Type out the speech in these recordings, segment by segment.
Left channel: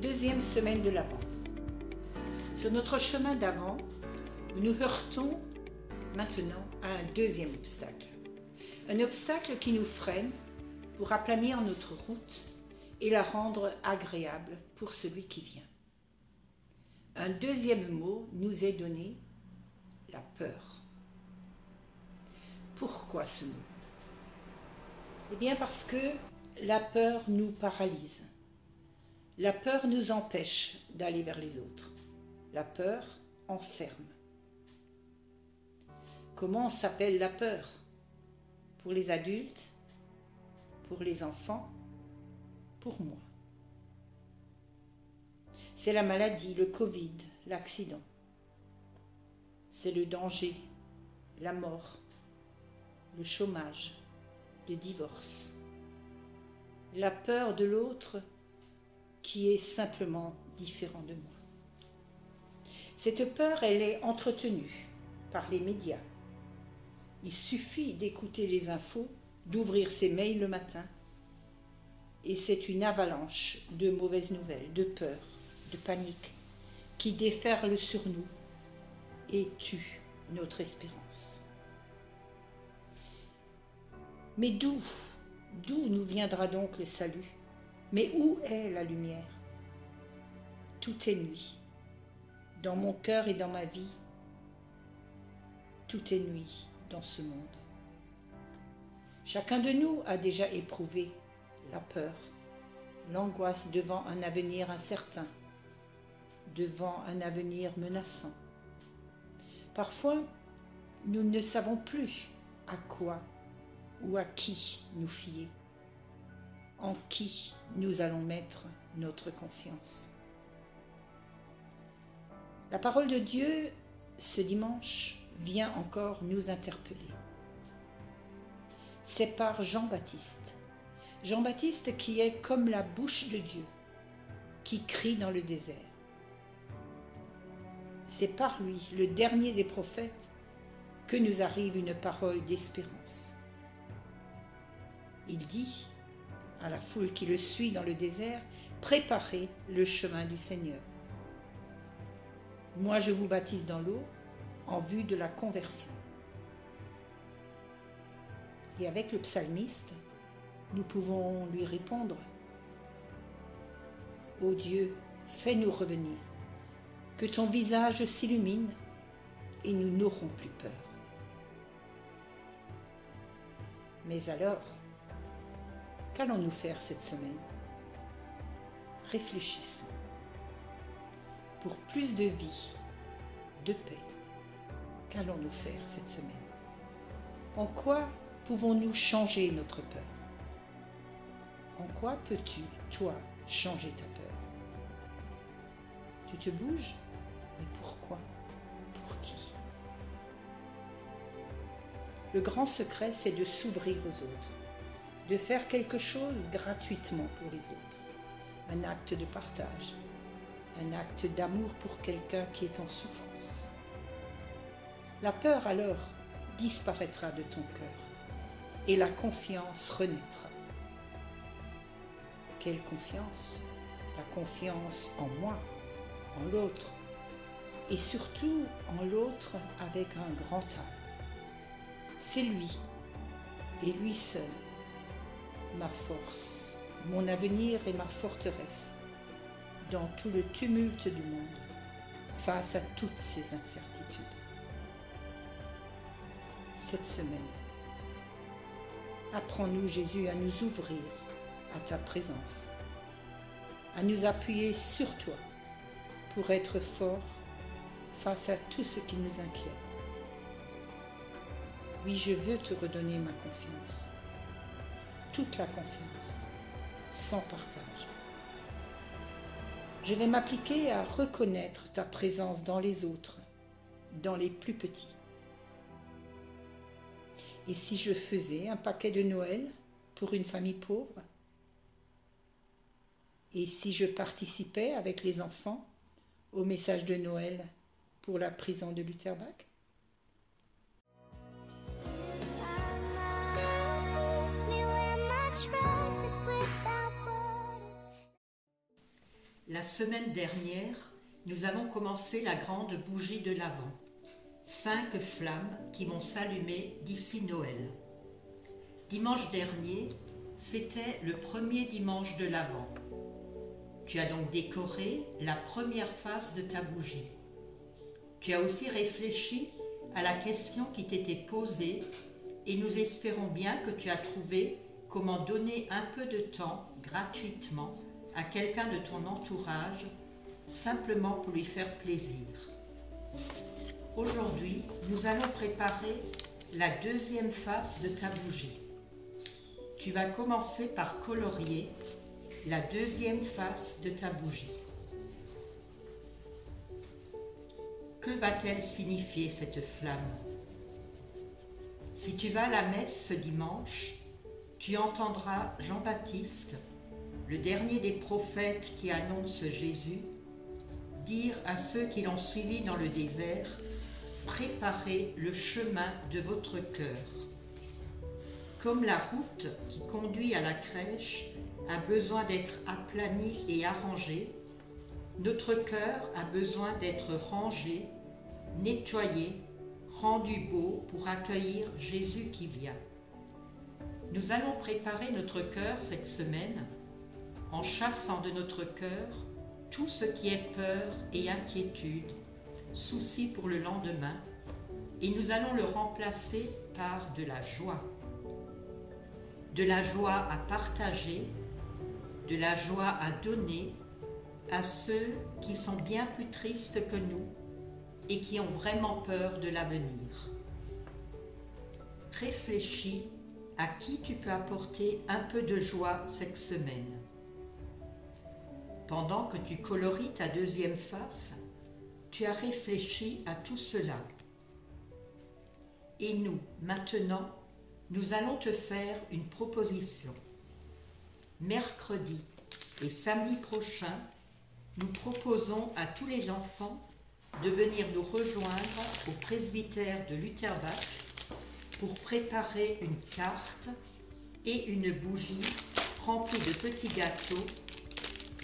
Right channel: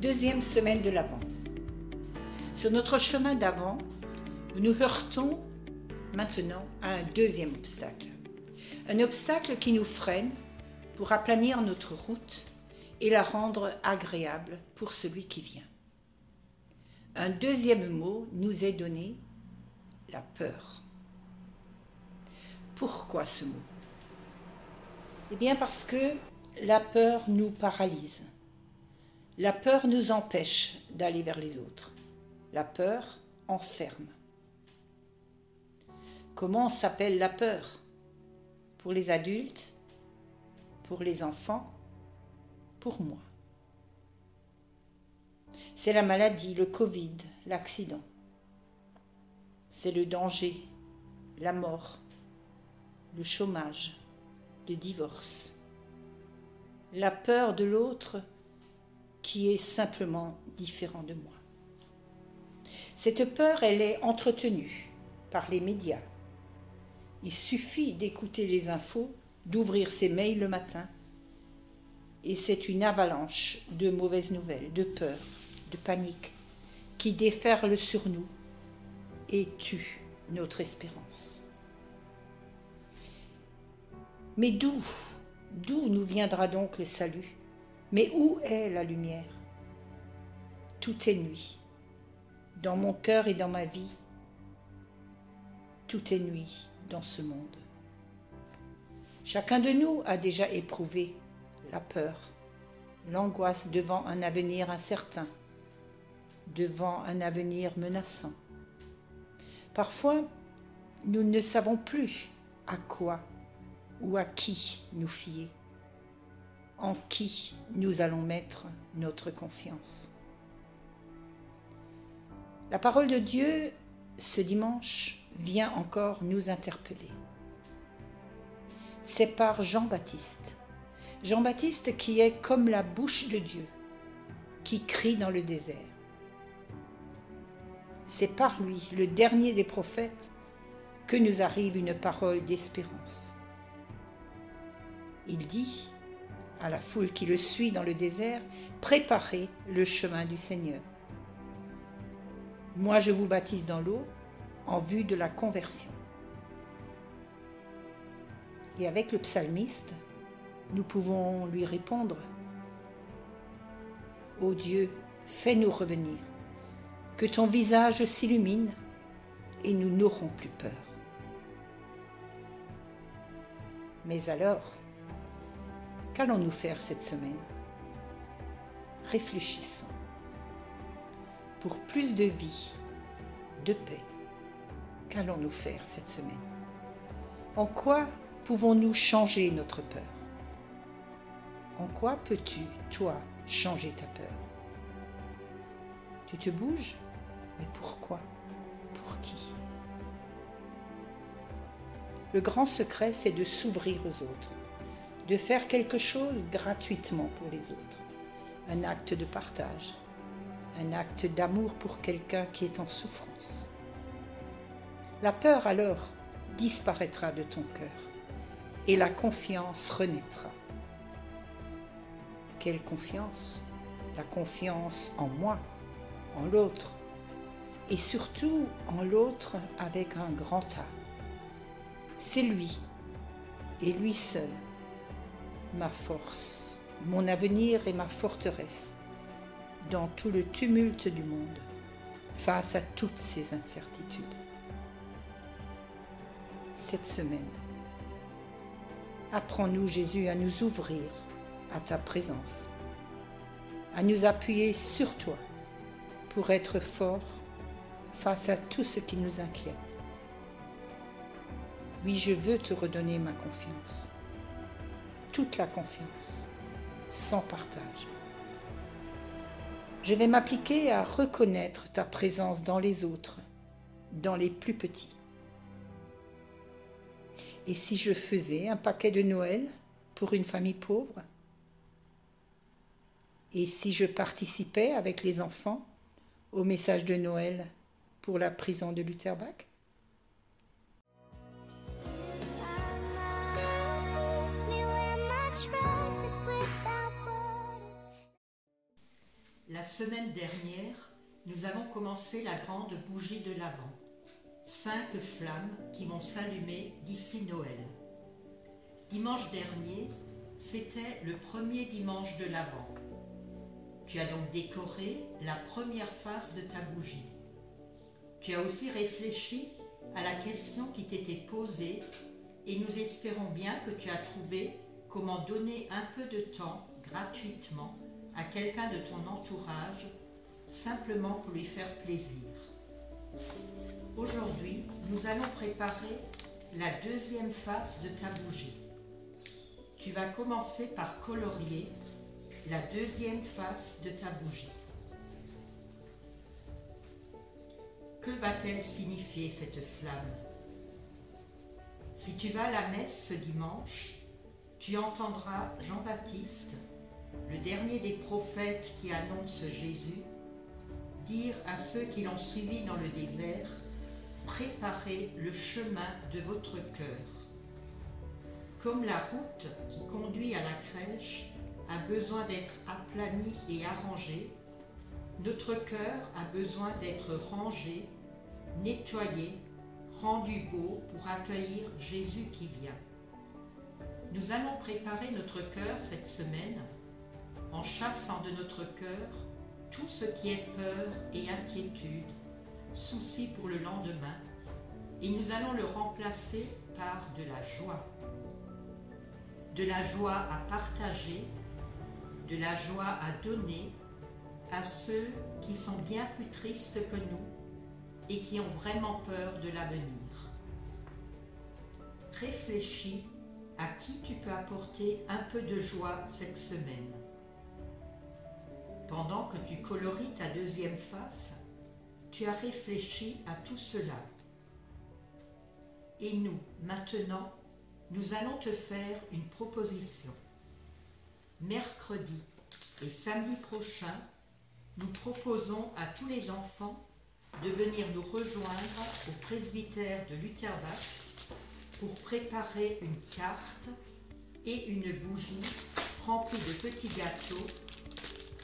Deuxième semaine de l'Avent. Sur notre chemin d'Avent, nous nous heurtons maintenant à un deuxième obstacle. Un obstacle qui nous freine pour aplanir notre route et la rendre agréable pour celui qui vient. Un deuxième mot nous est donné, la peur. Pourquoi ce mot? Eh bien parce que la peur nous paralyse. La peur nous empêche d'aller vers les autres. La peur enferme. Comment s'appelle la peur? Pour les adultes, pour les enfants, pour moi. C'est la maladie, le Covid, l'accident. C'est le danger, la mort, le chômage, le divorce. La peur de l'autre qui est simplement différent de moi. Cette peur, elle est entretenue par les médias. Il suffit d'écouter les infos, d'ouvrir ses mails le matin, et c'est une avalanche de mauvaises nouvelles, de peur, de panique, qui déferle sur nous et tue notre espérance. Mais d'où nous viendra donc le salut? Mais où est la lumière? Tout est nuit. Dans mon cœur et dans ma vie, tout est nuit dans ce monde. Chacun de nous a déjà éprouvé la peur, l'angoisse devant un avenir incertain, devant un avenir menaçant. Parfois, nous ne savons plus à quoi ou à qui nous fier, en qui nous allons mettre notre confiance. La parole de Dieu, ce dimanche, vient encore nous interpeller. C'est par Jean-Baptiste. Jean-Baptiste qui est comme la bouche de Dieu, qui crie dans le désert. C'est par lui, le dernier des prophètes, que nous arrive une parole d'espérance. Il dit à la foule qui le suit dans le désert, « Préparez le chemin du Seigneur. Moi, je vous baptise dans l'eau en vue de la conversion. » Et avec le psalmiste, nous pouvons lui répondre, « Ô Dieu, fais-nous revenir, que ton visage s'illumine et nous n'aurons plus peur. » Mais alors, qu'allons-nous faire cette semaine? Réfléchissons. Pour plus de vie, de paix, qu'allons-nous faire cette semaine? En quoi pouvons-nous changer notre peur? En quoi peux-tu, toi, changer ta peur? Tu te bouges? Mais pourquoi? Pour qui? Le grand secret, c'est de s'ouvrir aux autres, de faire quelque chose gratuitement pour les autres, un acte de partage, un acte d'amour pour quelqu'un qui est en souffrance. La peur alors disparaîtra de ton cœur et la confiance renaîtra. Quelle confiance? La confiance en moi, en l'autre, et surtout en l'autre avec un grand A. C'est lui, et lui seul, ma force, mon avenir et ma forteresse, dans tout le tumulte du monde, face à toutes ces incertitudes. Cette semaine, apprends-nous, Jésus, à nous ouvrir à ta présence, à nous appuyer sur toi pour être forts face à tout ce qui nous inquiète. Oui, je veux te redonner ma confiance, toute la confiance, sans partage. Je vais m'appliquer à reconnaître ta présence dans les autres, dans les plus petits. Et si je faisais un paquet de Noël pour une famille pauvre? Et si je participais avec les enfants au message de Noël pour la prison de Lutterbach? La La semaine dernière, nous avons commencé la grande bougie de l'Avent. 5 flammes qui vont s'allumer d'ici Noël. Dimanche dernier, c'était le premier dimanche de l'Avent. Tu as donc décoré la première face de ta bougie. Tu as aussi réfléchi à la question qui t'était posée et nous espérons bien que tu as trouvé comment donner un peu de temps gratuitement à quelqu'un de ton entourage, simplement pour lui faire plaisir. Aujourd'hui, nous allons préparer la deuxième face de ta bougie. Tu vas commencer par colorier la deuxième face de ta bougie. Que va-t-elle signifier cette flamme? Si tu vas à la messe ce dimanche, tu entendras Jean-Baptiste, le dernier des prophètes qui annonce Jésus, dire à ceux qui l'ont suivi dans le désert: préparez le chemin de votre cœur. Comme la route qui conduit à la crèche a besoin d'être aplanie et arrangée, notre cœur a besoin d'être rangé, nettoyé, rendu beau pour accueillir Jésus qui vient. Nous allons préparer notre cœur cette semaine en chassant de notre cœur tout ce qui est peur et inquiétude, souci pour le lendemain, et nous allons le remplacer par de la joie. De la joie à partager, de la joie à donner à ceux qui sont bien plus tristes que nous et qui ont vraiment peur de l'avenir. Réfléchis à qui tu peux apporter un peu de joie cette semaine. Pendant que tu coloris ta deuxième face, tu as réfléchi à tout cela. Et nous, maintenant, nous allons te faire une proposition. Mercredi et samedi prochain, nous proposons à tous les enfants de venir nous rejoindre au presbytère de Lutterbach pour préparer une carte et une bougie remplie de petits gâteaux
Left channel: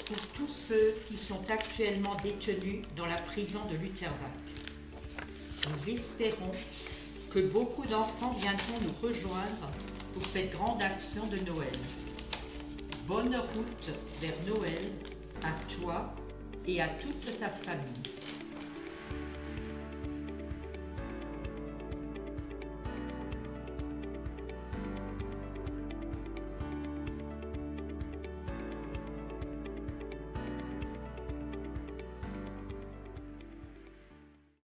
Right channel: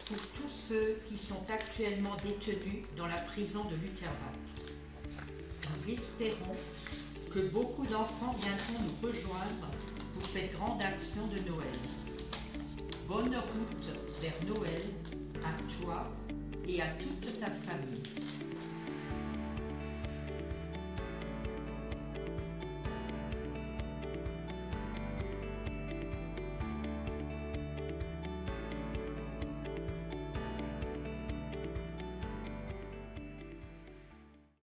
pour tous ceux qui sont actuellement détenus dans la prison de Lutterbach. Nous espérons que beaucoup d'enfants viendront nous rejoindre pour cette grande action de Noël. Bonne route vers Noël à toi et à toute ta famille.